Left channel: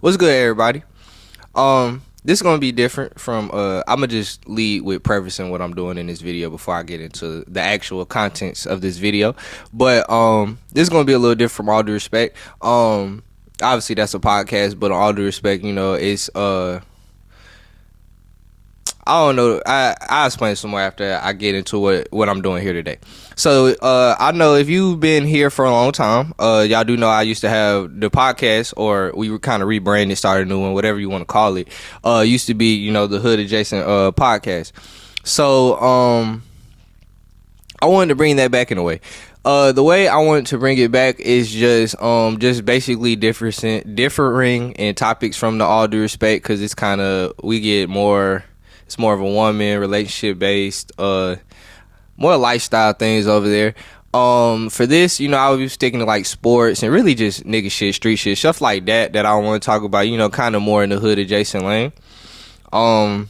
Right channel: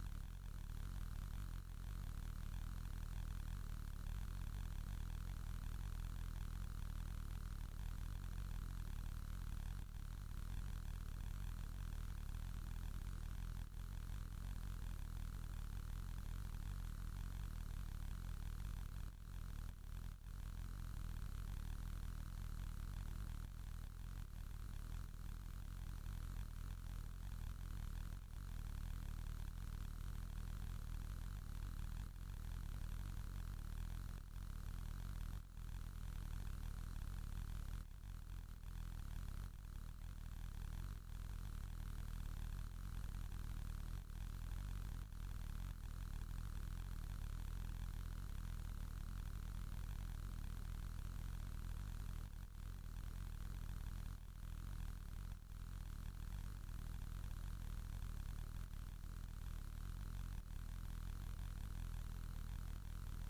What's good, everybody? This is gonna be different from. I'm gonna just lead with prefacing what I'm doing in this video before I get into the actual contents of this video. But this is gonna be a little different from all due respect. Obviously that's a podcast, but all due respect, it's I don't know. I'll explain some more after I get into what I'm doing here today. So I know if you've been here for a long time, y'all do know I used to have the podcast, or we were kind of rebranded, started a new one, whatever you want to call it. Used to be, the Hood Adjacent podcast. So I wanted to bring that back in a way. The way I wanted to bring it back is just basically differing in topics from the all due respect, because it's kind of we get more. It's more of a woman relationship based, more lifestyle things over there. For this, I would be sticking to like sports and really just nigga shit, street shit, stuff like that I want to talk about. Kind of more in the hood adjacent lane. I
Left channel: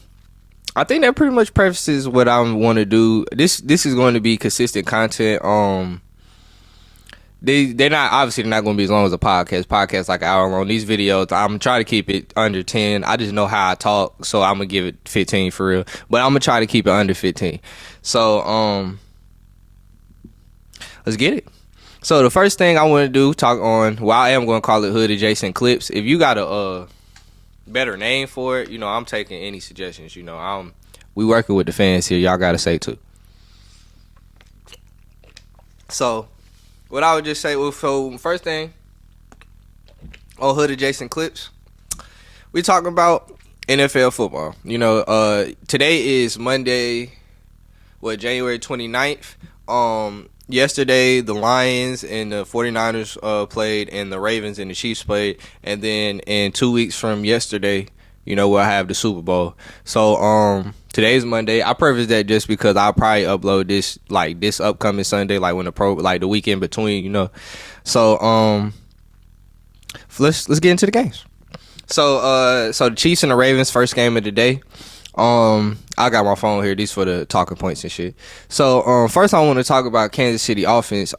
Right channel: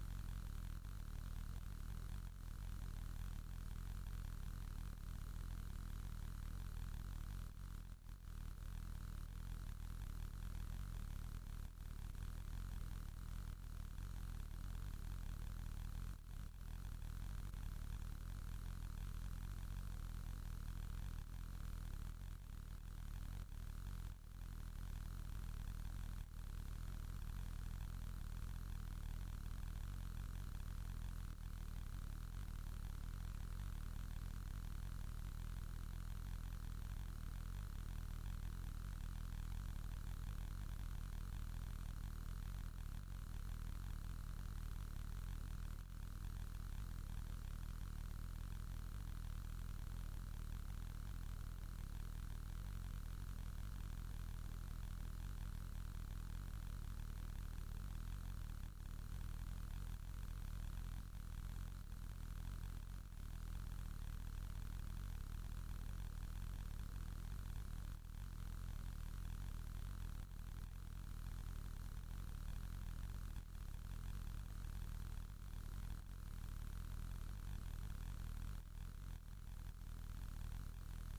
think that pretty much prefaces what I want to do. This is going to be consistent content. They're not going to be as long as a podcast. Podcast like an hour long. These videos, I'm trying to keep it under 10. I just know how I talk, so I'm gonna give it 15 for real. But I'm gonna try to keep it under 15. So let's get it. So the first thing I want to do, talk on. Well, I am gonna call it Hood Adjacent Clips. If you got a better name for it, I'm taking any suggestions. We working with the fans here. Y'all gotta say too. So what I would just say, so first thing on Hood Adjacent Clips, we talking about NFL football. Today is Monday, January 29th. Yesterday, the Lions and the 49ers played, and the Ravens and the Chiefs played. And then in 2 weeks from yesterday, we'll have the Super Bowl. So today's Monday. I preface that just because I'll probably upload this upcoming Sunday, like when the weekend between, So let's get into the games. So the Chiefs and the Ravens, first game of the day. I got my phone here. These for the talking points and shit. So first I want to talk about Kansas City offense.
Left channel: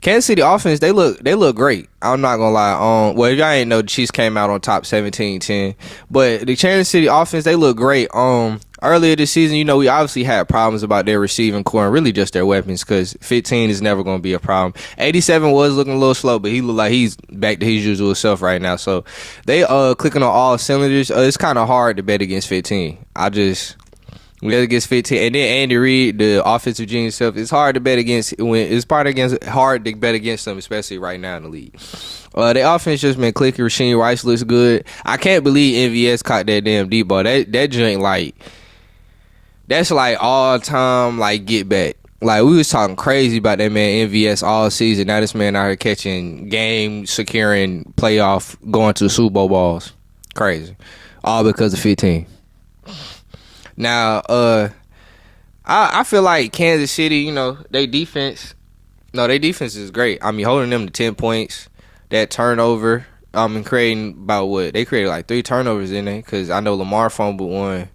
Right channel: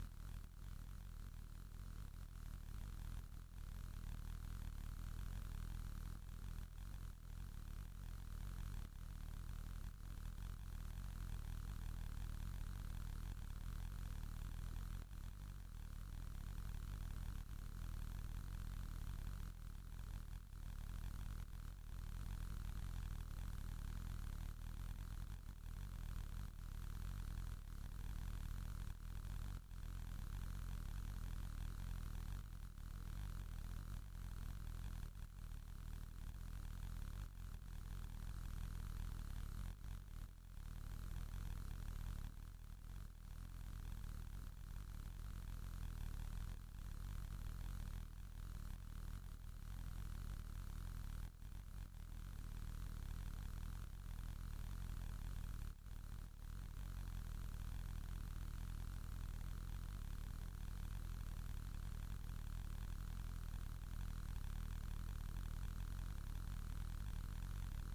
Kansas City offense, they look great. I'm not gonna lie. Well, if y'all ain't know, the Chiefs came out on top 17-10. But the Kansas City offense, they look great. Earlier this season, we obviously had problems about their receiving core and really just their weapons, because 15 is never gonna be a problem. 87 was looking a little slow, but he looked like he's back to his usual self right now. So they clicking on all cylinders. It's kind of hard to bet against 15. We bet against 15, and then Andy Reid, the offensive genius self, it's hard to bet against hard to bet against them, especially right now in the league. The offense just been clicking. Rasheed Rice looks good. I can't believe MVS caught that damn deep ball. That joint that's like all time get back. Like, we was talking crazy about that man MVS all season. Now this man out here catching game securing playoff, going to the Super Bowl balls. Crazy. All because of 15. Now, I feel like Kansas City, their defense is great. I mean, holding them to 10 points, that turnover, creating about what? They created like 3 turnovers in there, because I know Lamar fumbled one,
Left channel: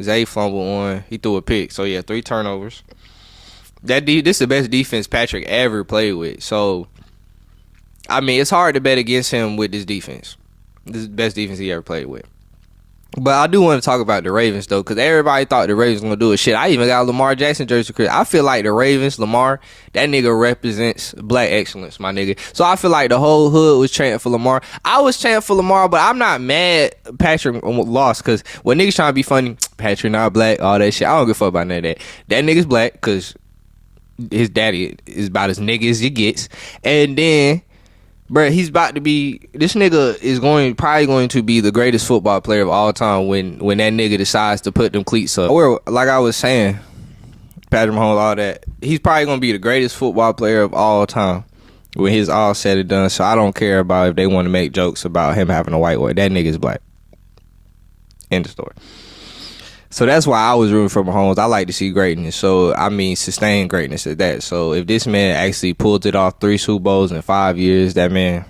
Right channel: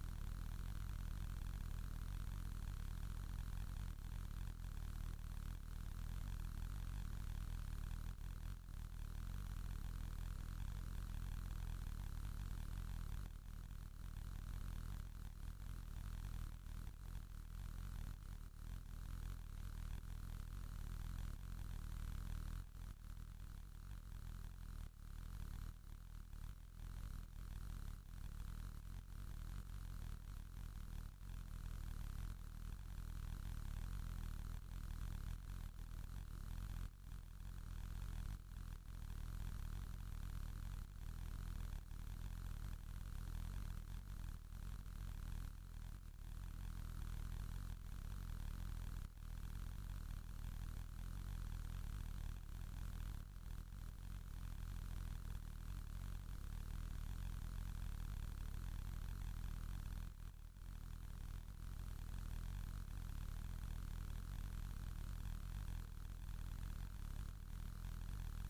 Zay fumbled one, he threw a pick. So, yeah, 3 turnovers. This is the best defense Patrick ever played with. So, I mean, it's hard to bet against him with this defense. This is the best defense he ever played with. But I do want to talk about the Ravens, though, because everybody thought the Ravens were going to do it. Shit, I even got a Lamar Jackson jersey. I feel like the Ravens, Lamar, that nigga represents black excellence, my nigga. So I feel like the whole hood was chanting for Lamar. I was chanting for Lamar, but I'm not mad Patrick lost, because when niggas trying to be funny, Patrick not black, all that shit, I don't give a fuck about none of that. That nigga's black because his daddy is about as nigga as he gets. And then, bruh, this nigga is probably going to be the greatest football player of all time when that nigga decides to put them cleats up. Or, like I was saying, Patrick Mahomes, all that, he's probably going to be the greatest football player of all time when he's all said and done. So I don't care about if they want to make jokes about him having a white boy. That nigga's black. End of story. So that's why I was rooting for Mahomes. I like to see greatness. So, I mean, sustained greatness at that. So, if this man actually pulled it off 3 Super Bowls in 5 years, that man,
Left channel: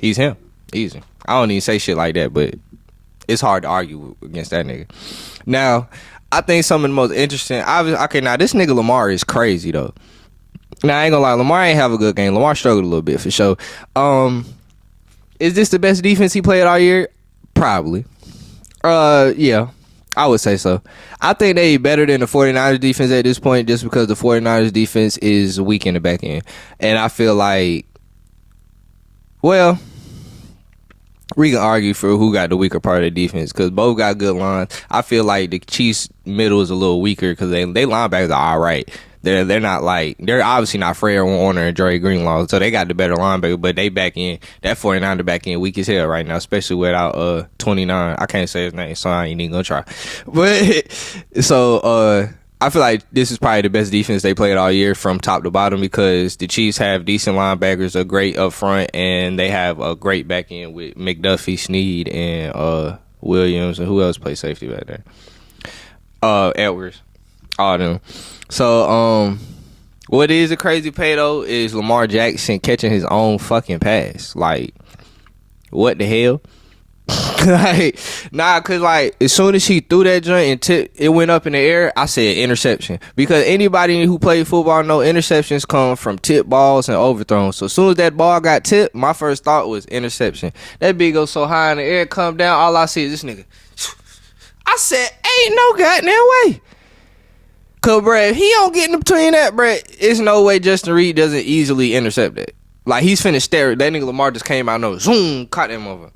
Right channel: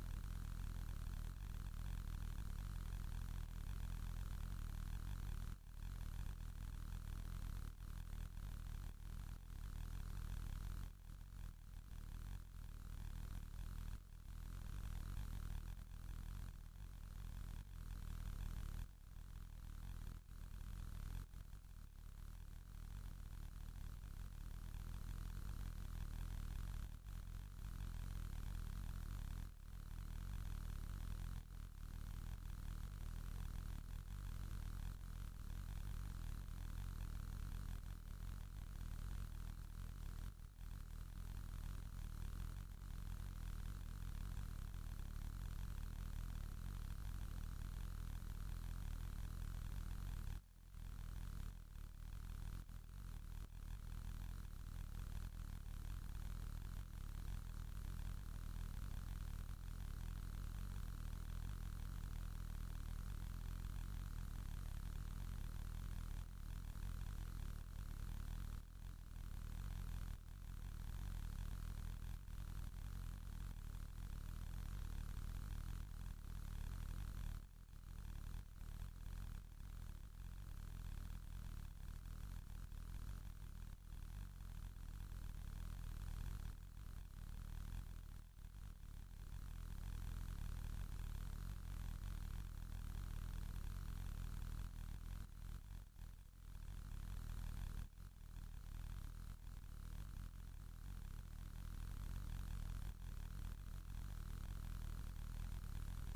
he's him. Easy. I don't even say shit like that, but it's hard to argue against that nigga. Now, I think some of the most interesting, now this nigga Lamar is crazy, though. Now, I ain't gonna lie, Lamar ain't have a good game. Lamar struggled a little bit, for sure. Is this the best defense he played all year? Probably. Yeah, I would say so. I think they better than the 49ers defense at this point just because the 49ers defense is weak in the back end. And I feel like, well, we can argue for who got the weaker part of the defense because both got good lines. I feel like the Chiefs' middle is a little weaker because they linebackers are all right. They're not like, they're obviously not Fred Warner and Dre Greenlaw, so they got the better linebacker, but they back in, that 49er back in weak as hell right now, especially without 29. I can't say his name, so I ain't even gonna try. But so I feel like this is probably the best defense they played all year from top to bottom because the Chiefs have decent linebackers, a great up front, and they have a great back end with McDuffie, Snead, and Williams, and who else plays safety back there? Edwards, all of them. So, what is a crazy pay, though, is Lamar Jackson catching his own fucking pass. Like, what the hell? Like, nah, because, like, as soon as he threw that joint and it went up in the air, I said interception. Because anybody who played football know interceptions come from tip balls and overthrows. So, as soon as that ball got tipped, my first thought was interception. That bitch goes so high in the air, come down, all I see is this nigga. I said, ain't no goddamn way. Cause, bruh, if he don't get in between that, bruh, it's no way Justin Reed doesn't easily intercept that. Like, he's finna stare. That nigga Lamar just came out and zoom, caught that motherfucker.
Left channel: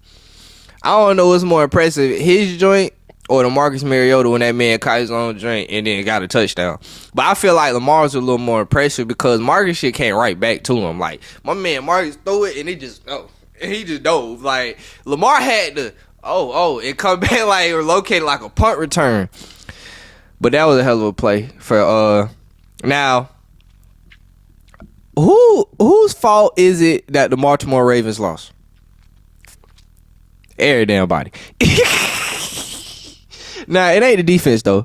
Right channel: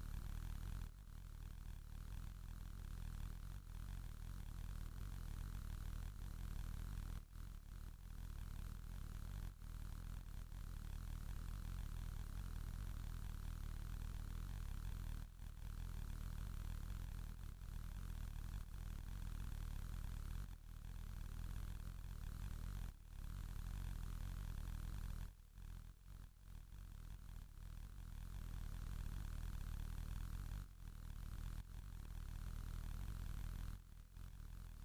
I don't know what's more impressive, his joint or the Marcus Mariota when that man caught his own joint and then got a touchdown. But I feel like Lamar's a little more impressive because Marcus shit came right back to him. Like, my man Marcus threw it and he just dove. Like, Lamar had to, it come back like, or located like a punt return. But that was a hell of a play for now. Whose fault is it that the Baltimore Ravens lost? Every damn body. Nah, it ain't the defense though,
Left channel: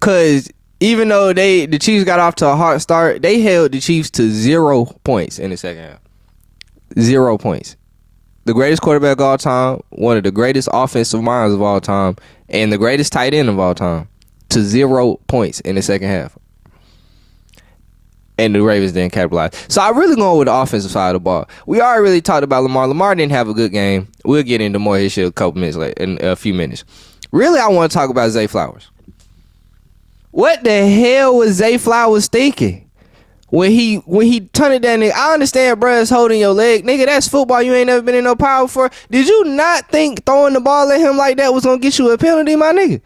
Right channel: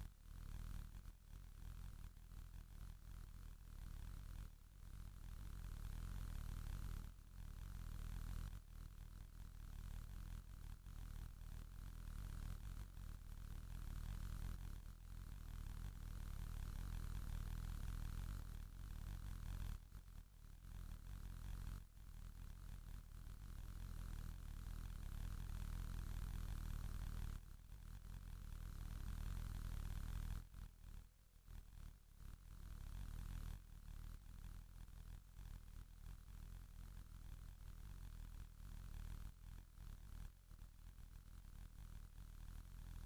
cause even though the Chiefs got off to a hard start, they held the Chiefs to 0 points in the second half. 0 points. The greatest quarterback of all time, one of the greatest offensive minds of all time, and the greatest tight end of all time. To 0 points in the second half. And the Ravens didn't capitalize. So I'm really going with the offensive side of the ball. We already really talked about Lamar. Lamar didn't have a good game. We'll get into more of his shit a couple minutes later, in a few minutes. Really, I want to talk about Zay Flowers. What the hell was Zay Flowers thinking? When he turned it down, nigga, I understand bruh's holding your leg. Nigga, that's football. You ain't never been in no power before. Did you not think throwing the ball at him like that was going to get you a penalty, my nigga?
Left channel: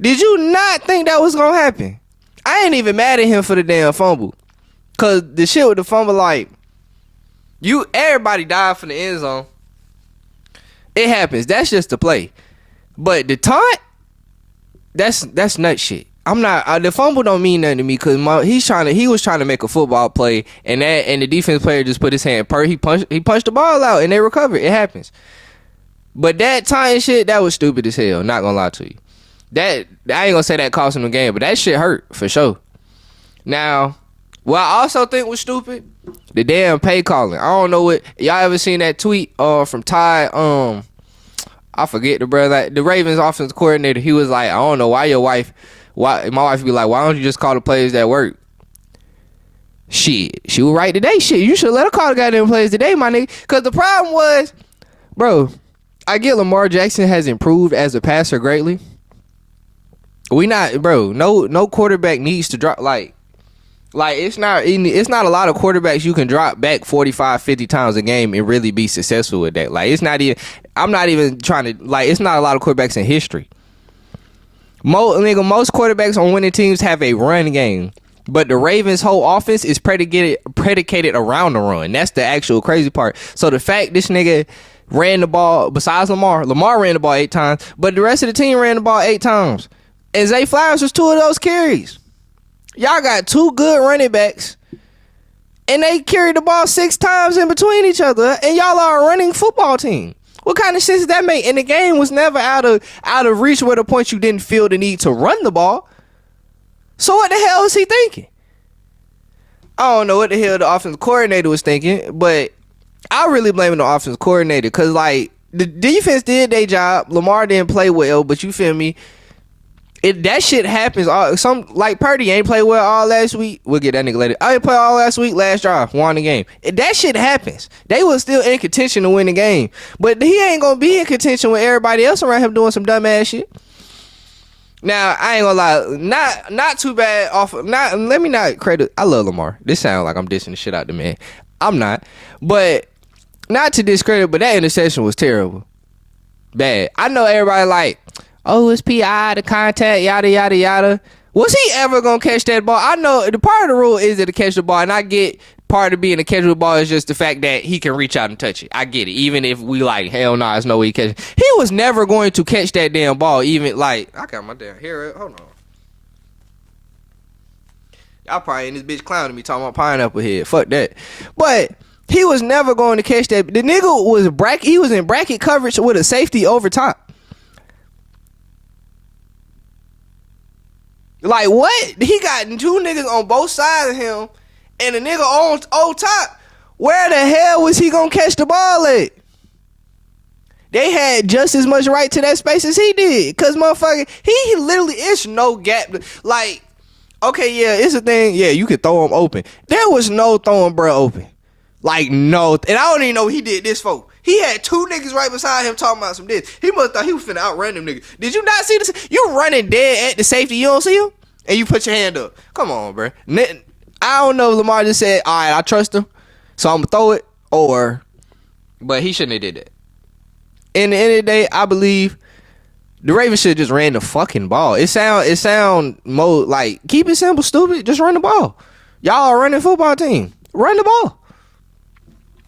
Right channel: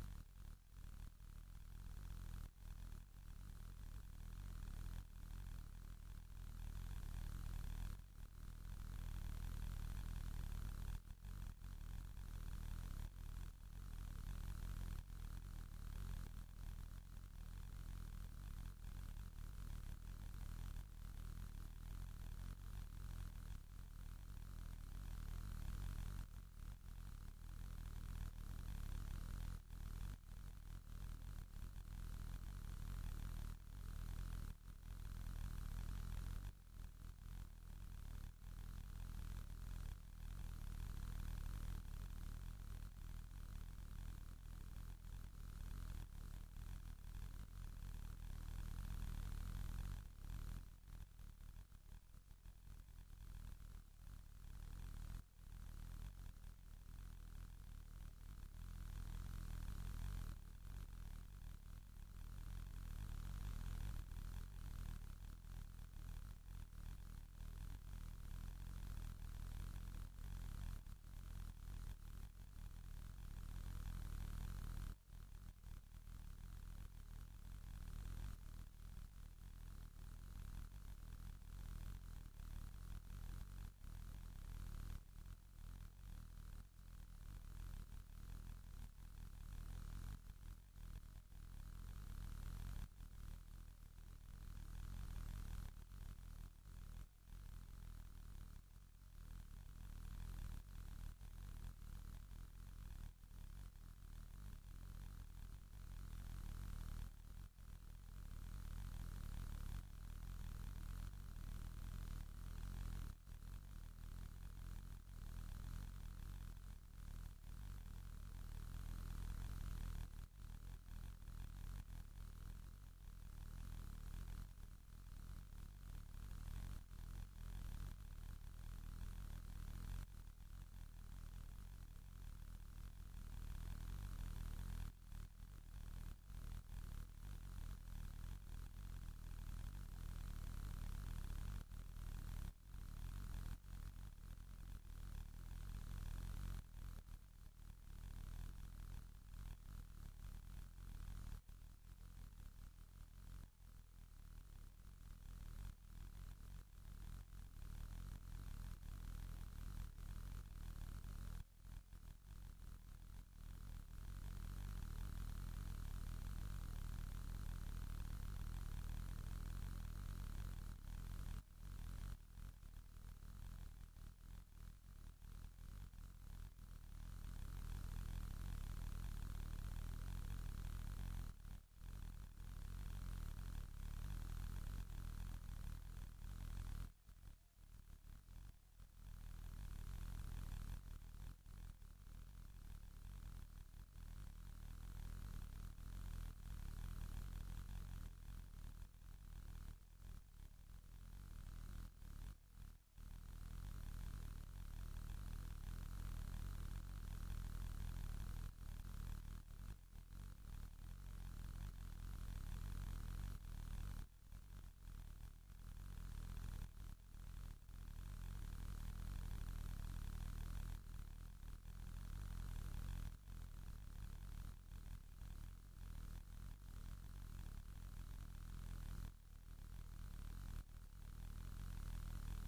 Did you not think that was going to happen? I ain't even mad at him for the damn fumble. Because the shit with the fumble, like, everybody died from the end zone. It happens. That's just the play. But the taunt, that's nut shit. I'm not, the fumble don't mean nothing to me because he was trying to make a football play and the defense player just put his hand, he punched the ball out and they recovered. It happens. But that taunting shit, that was stupid as hell. Not going to lie to you. That I ain't gonna say that cost him the game, but that shit hurt for sure. Now, what I also think was stupid, the damn pay calling. I don't know what y'all ever seen that tweet from Ty. I forget the brother, like, the Ravens offensive coordinator. He was like, I don't know why my wife be like, why don't you just call the players that work? Shit, she was right today. Shit, you should let her call the goddamn players today, my nigga. Cause the problem was, bro, I get Lamar Jackson has improved as a passer greatly. No quarterback needs to drop like it's not a lot of quarterbacks you can drop back 45, 50 times a game and really be successful with that. Like, I'm not even trying to, like, it's not a lot of quarterbacks in history. Most quarterbacks on winning teams have a run game, but the Ravens' whole offense is predicated around the run. That's the actual crazy part. So the fact this nigga ran the ball, besides Lamar ran the ball 8 times, but the rest of the team ran the ball 8 times. And Zay Flowers was 2 of those carries. Y'all got 2 good running backs, and they carried the ball 6 times in between each other, and y'all are a running football team. What kind of sense does that make? And the game was never out of reach where the point you didn't feel the need to run the ball. So what the hell was he thinking? I don't know what the hell the offensive coordinator was thinking, but I really blame the offensive coordinator because, like, the defense did their job. Lamar didn't play well, but you feel me? That shit happens. Some like Purdy ain't play well all last week. We'll get that nigga later. I ain't play all last week. Last drive, won the game. That shit happens. They was still in contention to win the game, but he ain't gonna be in contention with everybody else around him doing some dumb ass shit. Now I ain't gonna lie, not too bad off. Not let me not credit. I love Lamar. This sounds like I'm dissing the shit out the man. I'm not, but not to discredit. But that interception was terrible, bad. I know everybody like, oh, it's PI, the contact, yada yada yada. Was he ever gonna catch that ball? I know the part of the rule is to catch the ball, and I get part of being a catch of the ball is just the fact that he can reach out and touch it. I get it. Even if we like, hell no, there's no way he catch it. He was never going to catch that damn ball. Even like, I got my damn hair. Hold on. Y'all probably in this bitch clowning me talking about pineapple head. Fuck that. But he was never going to catch that. The nigga was he was in bracket coverage with a safety over top. Like what? He got two niggas on both sides of him. And the nigga on top, where the hell was he gonna catch the ball at? They had just as much right to that space as he did. Cause motherfucker, he literally, it's no gap. Like, okay, yeah, it's a thing. Yeah, you could throw him open. There was no throwing bro open. Like, no. And I don't even know he did this for. He had two niggas right beside him talking about some this. He must thought he was finna outrun them niggas. Did you not see this? You running dead at the safety, you don't see him? And you put your hand up. Come on, bro. I don't know if Lamar just said, all right, I trust him, so I'm going to throw it, but he shouldn't have did that. In the end of the day, I believe the Ravens should have just ran the fucking ball. It sound more like, keep it simple, stupid, just run the ball. Y'all are running a football team. Run the ball.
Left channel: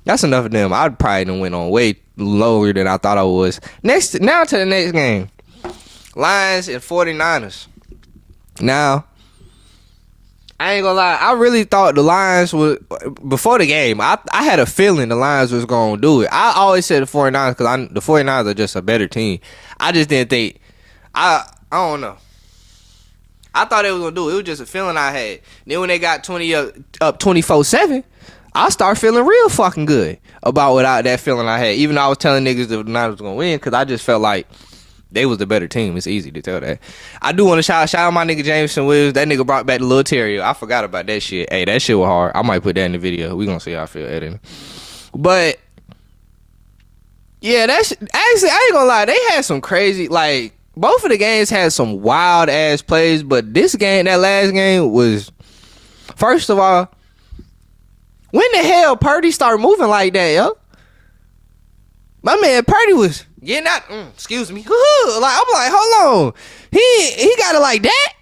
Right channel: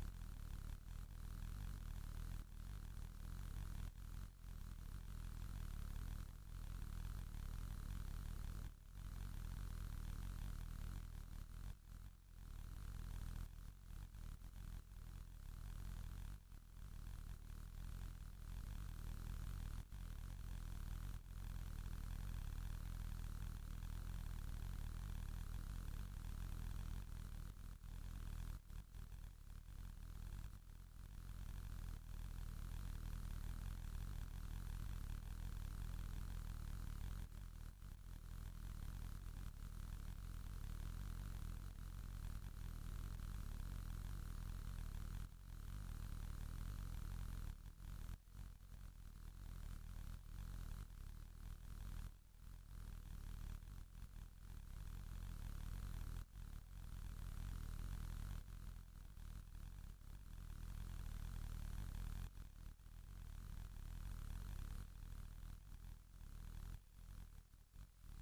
That's enough of them. I probably done went on way lower than I thought I was. Now to the next game. Lions and 49ers. Now, I ain't gonna lie, I really thought the Lions would, before the game, I had a feeling the Lions was gonna do it. I always said the 49ers because the 49ers are just a better team. I just didn't think, I don't know. I thought they was gonna do it. It was just a feeling I had. Then when they got 20 up 24-7, I started feeling real fucking good about without that feeling I had. Even though I was telling niggas the Niners was gonna win because I just felt like they was the better team. It's easy to tell that. I do want to shout out my nigga Jameson Williams. That nigga brought back the little terrier. I forgot about that shit. Hey, that shit was hard. I might put that in the video. We gonna see how I feel editing. But yeah, that's actually, I ain't gonna lie. They had some crazy, like, both of the games had some wild ass plays. But this game, that last game was, first of all, when the hell Purdy started moving like that, yo? My man Purdy was getting out. Excuse me. Like, I'm like, hold on. He got it like that?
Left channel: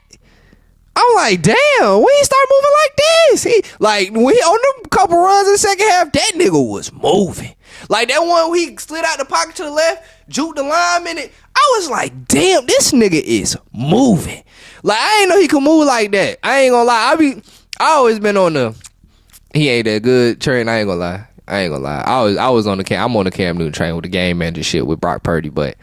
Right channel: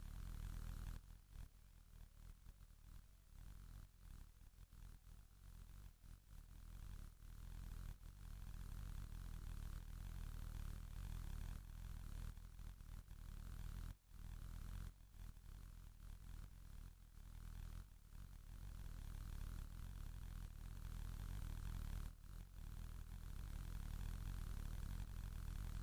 I'm like, damn, when he start moving like this? He like when he on them couple runs in the second half, that nigga was moving. Like that one where he slid out the pocket to the left, juked the lineman. I was like, damn, this nigga is moving. Like I ain't know he could move like that. I ain't gonna lie. I always been on the he ain't that good train. I ain't gonna lie. I was on the I'm on the Cam Newton train with the game manager shit with Brock Purdy, but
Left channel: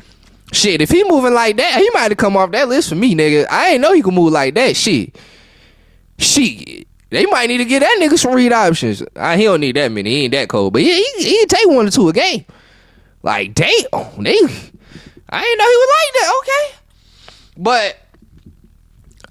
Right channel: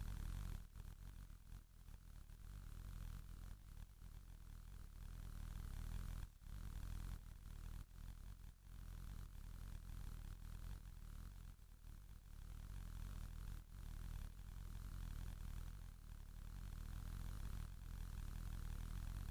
shit, if he moving like that, he might have come off that list for me, nigga. I ain't know he could move like that. Shit. They might need to get that nigga some read options. He don't need that many. He ain't that cold, but he can take 1 or 2 a game. Like, damn, I ain't know he was like that. Okay, but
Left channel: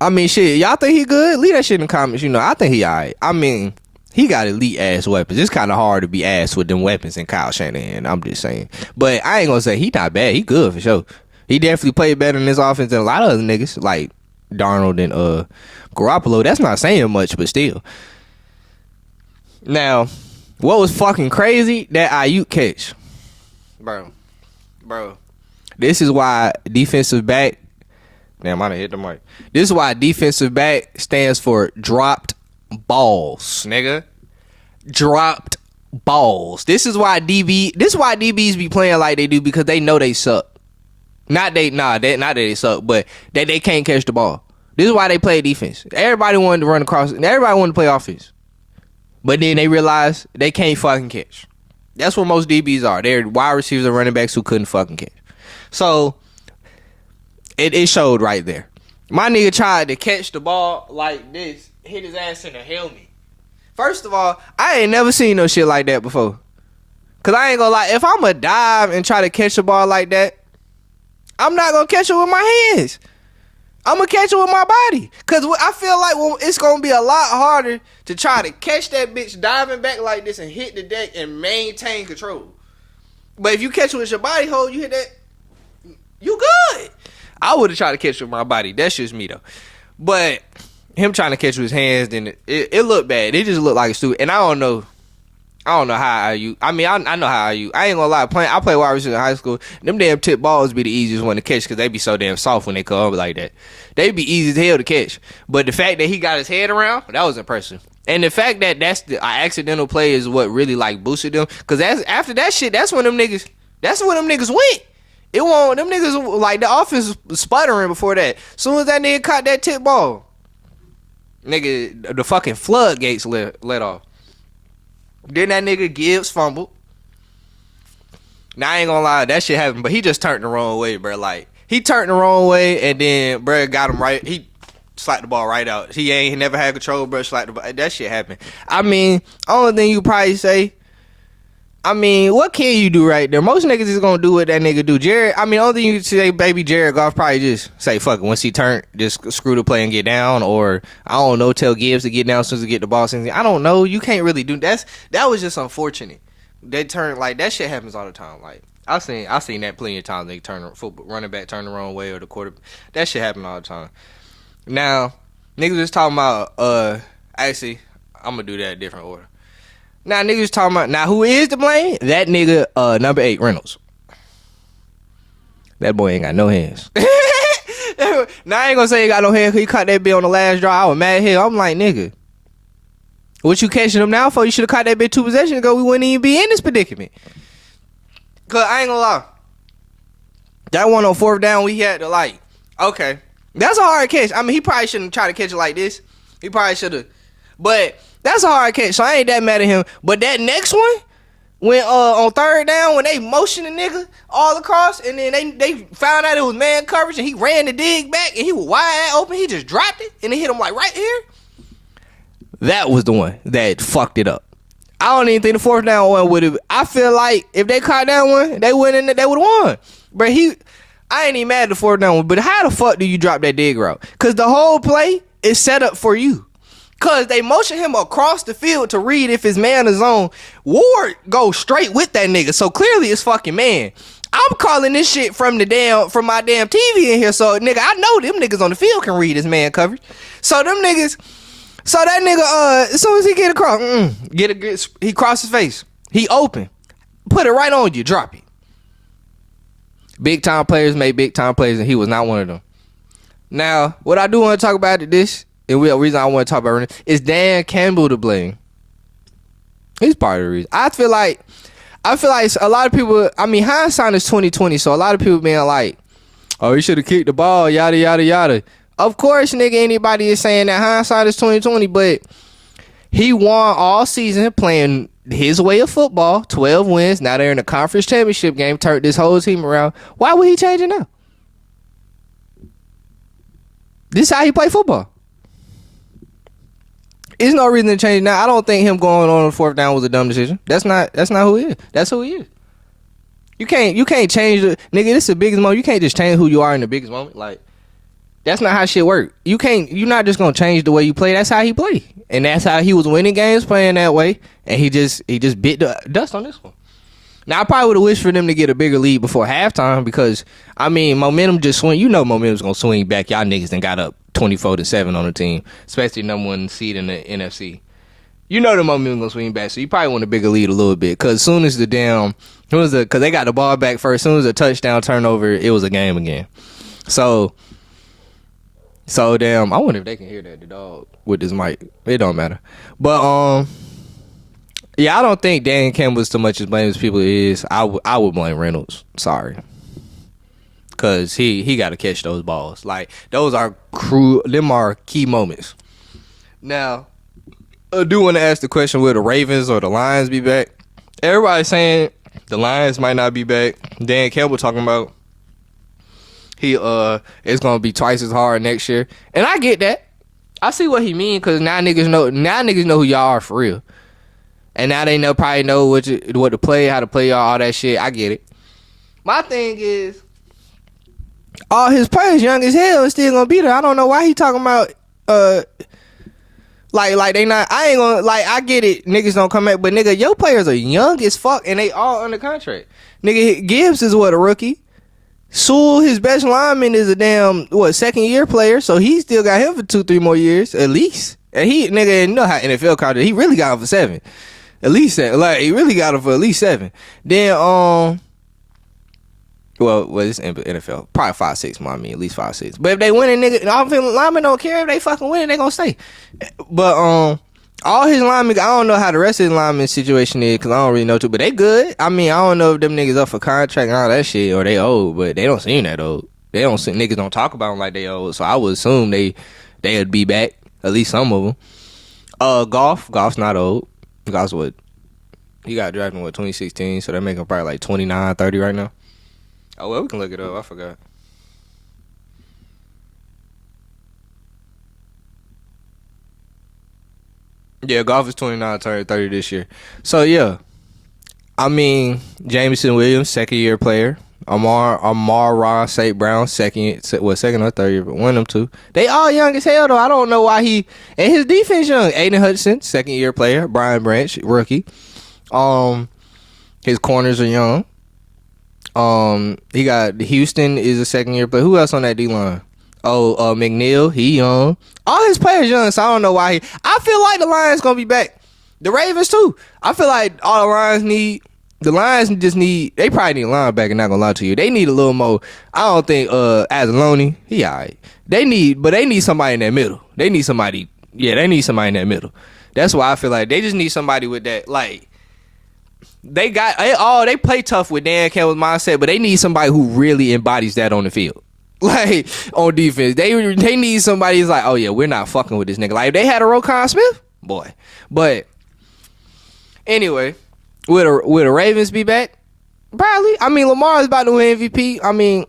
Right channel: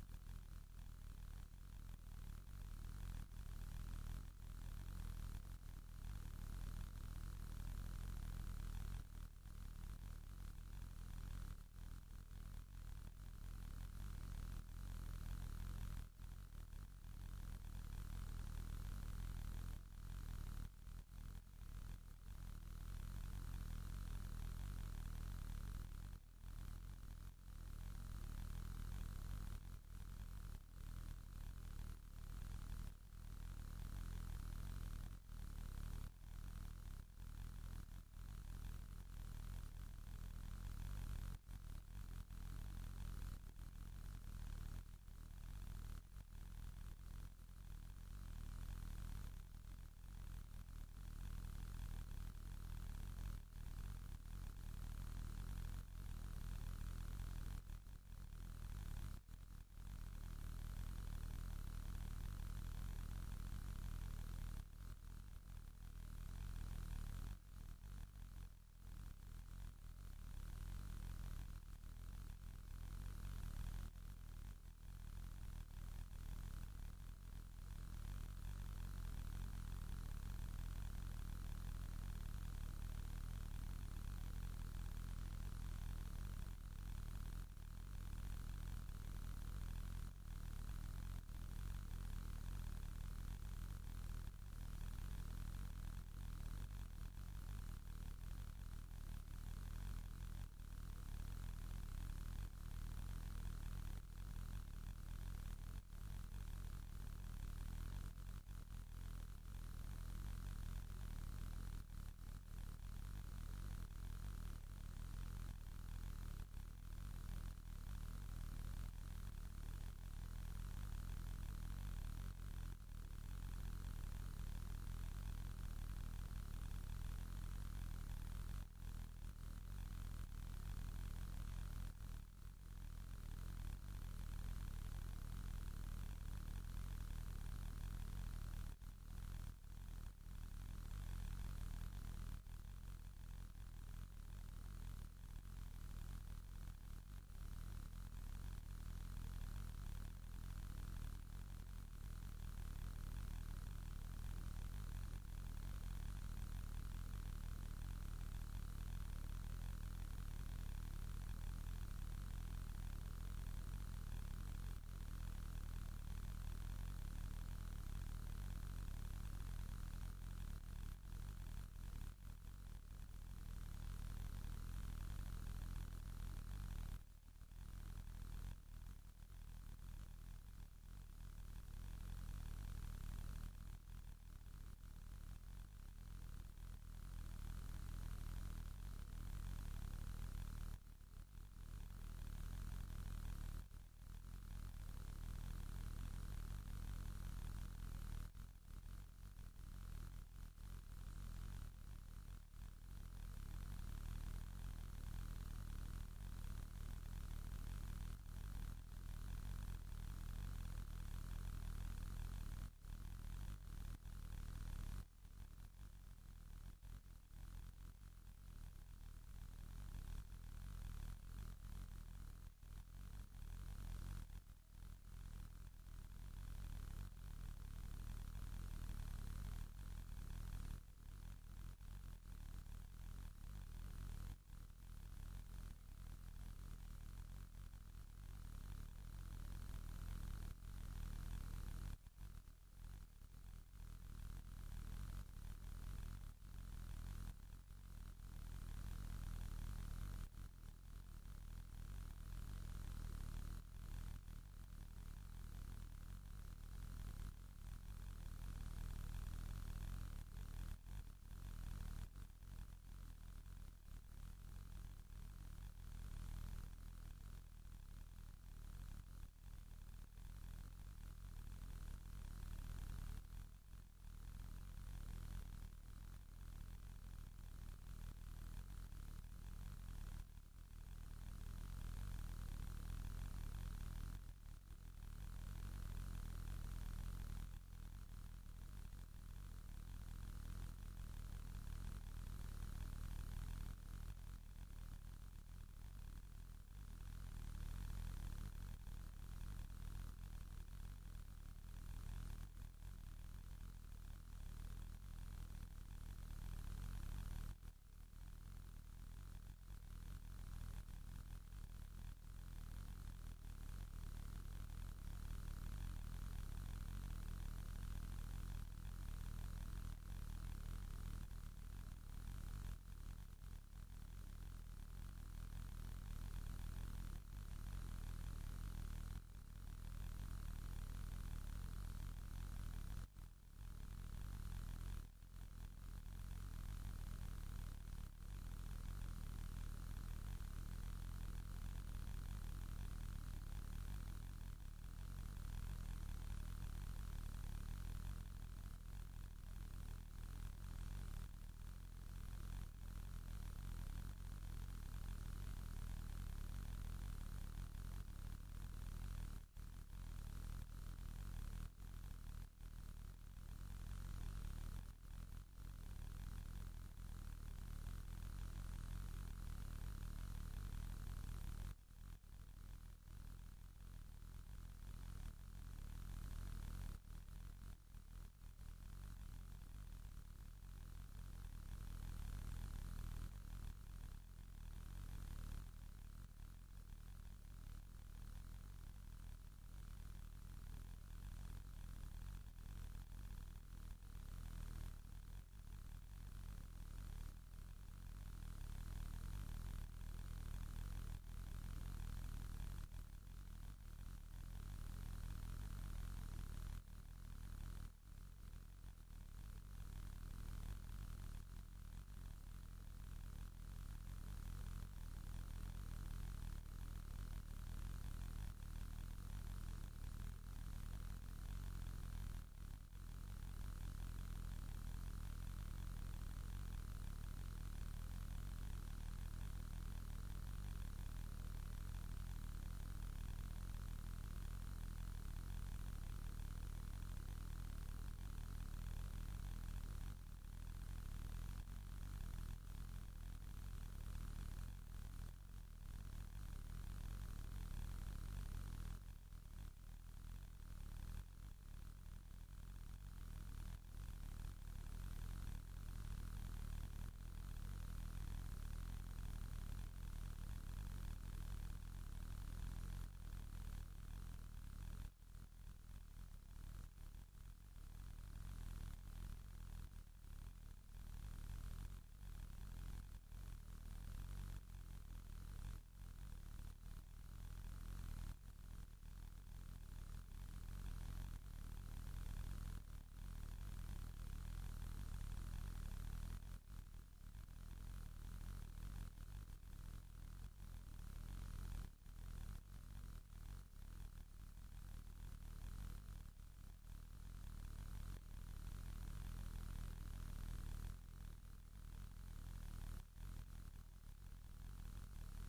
I mean, shit, y'all think he good? Leave that shit in the comments. You know, I think he alright. I mean, he got elite ass weapons. It's kind of hard to be ass with them weapons in Kyle Shanahan. I'm just saying. But I ain't gonna say he not bad. He good for sure. He definitely played better in this offense than a lot of other niggas like Darnold and Garoppolo. That's not saying much, but still. Now, what was fucking crazy? That Ayuk catch, bro. This is why defensive back. Damn, I done hit the mic. This is why defensive back stands for dropped balls, nigga. Dropped balls. This is why DBs be playing like they do, because they know they suck. Not that they suck, but that they can't catch the ball. This is why they play defense. Everybody wanted to run across, everybody wanted to play offense. But then they realized they can't fucking catch. That's what most DBs are. They're wide receivers and running backs who couldn't fucking catch. So it showed right there. My nigga tried to catch the ball like this, hit his ass in the helmet. First of all, I ain't never seen no shit like that before. Cause I ain't gonna lie, if I'ma dive and try to catch the ball like that, I'm not gonna catch it with my hands. I'm going to catch it with my body. Because I feel like it's going to be a lot harder to try to catch that bitch diving back like this and hit the deck and maintain control. But if you catch it with your body hold, you hit that, you good. I would have tried to catch it with my body. That's just me, though. But him trying to catch it with his hands, then it looked bad. It just looked like a stupid. And I don't know how IU. I mean, I know how IU. I ain't gonna lie. I play wide receiver in high school. Them damn tip balls be the easiest one to catch because they be so damn soft when they come over like that. They be easy as hell to catch. But the fact that he got his head around, that was impressive. And the fact that that's the accidental play is what really like boosted them. Because after that shit, that's when them niggas went. It won't. Them niggas like the offense was sputtering before that. Soon as that nigga caught that tip ball, nigga, the fucking floodgates let off. Then that nigga Gibbs fumbled. Now I ain't gonna lie, that shit happened, but he just turned the wrong way, bro. Like he turned the wrong way, and then bro got him right. He slapped the ball right out. He never had control, bro. Slapped the ball. That shit happened. I mean, only thing you probably say. I mean, what can you do right there? Most niggas is gonna do what that nigga do. Jared, I mean, only thing you can say, baby Jared Goff probably just say, fuck it. Once he turned, just screw the play and get down. Or, I don't know, tell Gibbs to get down as soon as he get the ball. I don't know. You can't really do that. That was just unfortunate. They turn, like, that shit happens all the time. Like, I seen that plenty of times. They running back turn the wrong way or the quarter. That shit happen all the time. Now, niggas just talking about, actually, I'm gonna do that in a different order. Now, niggas talking about, now who is to blame? That nigga, number 8, Reynolds. That boy ain't got no hands. Now, I ain't gonna say he got no hands because he caught that bitch on the last draw. I was mad here. I'm like, nigga, what you catching him now for? You should have caught that bitch 2 possessions ago. We wouldn't even be in this predicament. Because I ain't gonna lie. That one on 4th down, we had to like, okay. That's a hard catch. I mean, he probably shouldn't try to catch it like this. He probably should have. But that's a hard catch, so I ain't that mad at him. But that next one, when on 3rd down, when they motioned the nigga all across, and then they found out it was man coverage, and he ran the dig back, and he was wide open, he just dropped it, and it hit him like right here. That was the one that fucked it up. I don't even think the 4th down one would have. I feel like if they caught that one, they would have won. But I ain't even mad at the 4th down one. But how the fuck do you drop that dig route? Because the whole play is set up for you. Because they motion him across the field to read if his man is on. Ward goes straight with that nigga. So clearly it's fucking man. I'm calling this shit from my damn TV in here. So nigga, I know them niggas on the field can read his man coverage. So them niggas, so that nigga, as soon as he get across, he cross his face. He open. Put it right on you. Drop it. Big time players make big time plays, and he was not one of them. Now, what I do want to talk about this. And the reason I want to talk about it is Dan Campbell to blame. He's part of the reason. I feel like a lot of people. I mean, hindsight is 20/20, so a lot of people being like, "Oh, he should have kicked the ball," yada yada yada. Of course, nigga, anybody is saying that hindsight is 20/20, but he won all season playing his way of football. 12 wins. Now they're in the conference championship game. Turned this whole team around. Why would he change it now? This is how he play football. There's no reason to change it now. I don't think him going on the 4th down was a dumb decision. That's not who he is. That's who he is. You can't change the nigga. This is the biggest moment. You can't just change who you are in the biggest moment. Like that's not how shit work. You're not just gonna change the way you play. That's how he play, and that's how he was winning games playing that way. And he just bit the dust on this one. Now I probably would have wished for them to get a bigger lead before halftime because I mean momentum just swing. You know momentum's gonna swing back. Y'all niggas done got up 24-7 on the team, especially number 1 seed in the NFC. You know the momentum gonna swing back, so you probably want a bigger lead a little bit. Cause as soon as because they got the ball back first, as soon as a touchdown turnover, it was a game again. So damn, I wonder if they can hear that the dog with this mic. It don't matter, but yeah, I don't think Dan Campbell's so much as blame as people is. I would blame Reynolds. Sorry. Cause he got to catch those balls. Like those are them are key moments. Now, I do want to ask the question: will the Ravens or the Lions be back? Everybody's saying the Lions might not be back. Dan Campbell talking about it's gonna be twice as hard next year, and I get that. I see what he mean because now niggas know who y'all are for real, and now they probably know what to play, how to play y'all, all that shit. I get it. My thing is, all his players young as hell and still gonna be there. I don't know why he talking about like they not. I ain't gonna like. I get it. Niggas don't come back, but nigga, your players are young as fuck and they all under contract. Nigga, Gibbs is what, a rookie. Sewell, his best lineman, is a damn second year player, so he still got him for 2-3 more years at least. And he nigga, you know how NFL contract, he really got him for 7, at least 7. Like he really got him for at least 7. Then well, it's NFL. Probably 5-6, I mean, at least 5-6. But if they winning, nigga, offensive linemen don't care if they fucking winning, they gonna stay. But all his linemen, I don't know how the rest of his lineman situation is, because I don't really know too, but they good. I mean, I don't know if them niggas up for contract and all that shit, or they old, but they don't seem that old. They don't seem, niggas don't talk about them like they old, so I would assume they'd be back, at least some of them. Goff's not old. Goff's what? He got drafted in 2016, so they're making probably like 29, 30 right now. Oh, well, we can look it up. I forgot. Yeah, Goff is 29, turning 30 this year. So, yeah. I mean, Jameson Williams, second-year player. Amar St. Brown, second or third year, but one of them two. They all young as hell, though. I don't know why he... And his defense young. Aiden Hudson, second-year player. Brian Branch, rookie. His corners are young. He got Houston is a second-year player. Who else on that D-line? McNeil, he young. All his players young, so I don't know why I feel like the Lions gonna be back. The Ravens too. I feel like all the Lions just need. They probably need a linebacker. Not gonna lie to you, they need a little more. I don't think Azalone, he alright. They need somebody in that middle. They need somebody. Yeah, they need somebody in that middle. That's why I feel like they just need somebody with that. Like they play tough with Dan Campbell's mindset, but they need somebody who really embodies that on the field. Like on defense, they need somebody who's like, oh yeah, we're not fucking with this nigga. Like if they had a Roquan Smith, boy. But anyway, will the Ravens be back? Probably. I mean, Lamar is about to win MVP. I mean,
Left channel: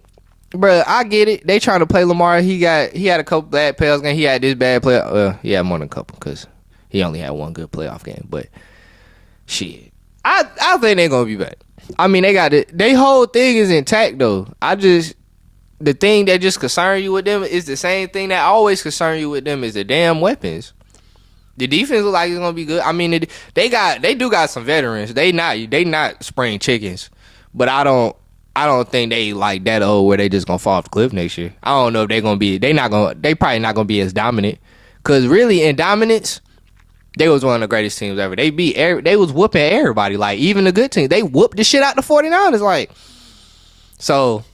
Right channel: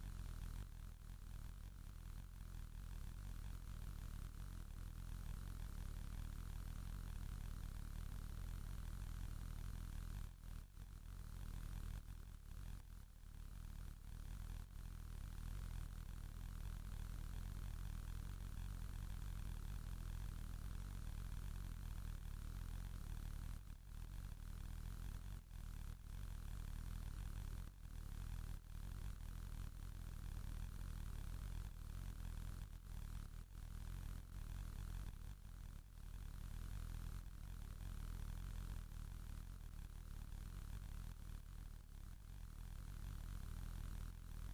bro, I get it. They trying to play Lamar. He had a couple bad playoff games. He had this bad play. He had more than a couple because he only had one good playoff game. But shit, I think they're gonna be back. I mean, they got it. Their whole thing is intact though. The thing that just concern you with them is the same thing that always concern you with them is the damn weapons. The defense look like it's gonna be good. I mean, they do got some veterans. They not spring chickens, but I don't think they like that old where they just gonna fall off the cliff next year. I don't know if they gonna be. They probably not gonna be as dominant. Cause really in dominance, they was one of the greatest teams ever. They was whooping everybody. Like even the good teams, they whooped the shit out the 49ers. Like so.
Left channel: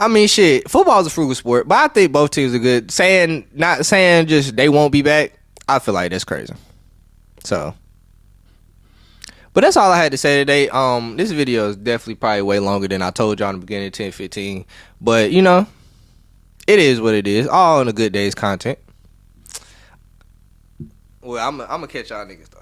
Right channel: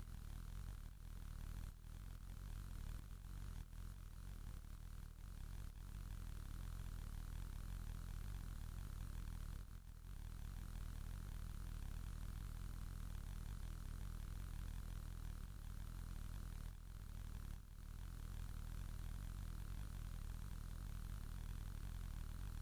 I mean, shit, football is a frugal sport, but I think both teams are good. Not saying just they won't be back, I feel like that's crazy. So, but that's all I had to say today. This video is definitely probably way longer than I told y'all in the beginning, 10-15. But, you know, it is what it is. All in a good day's content. Well, I'm going to catch y'all niggas, though.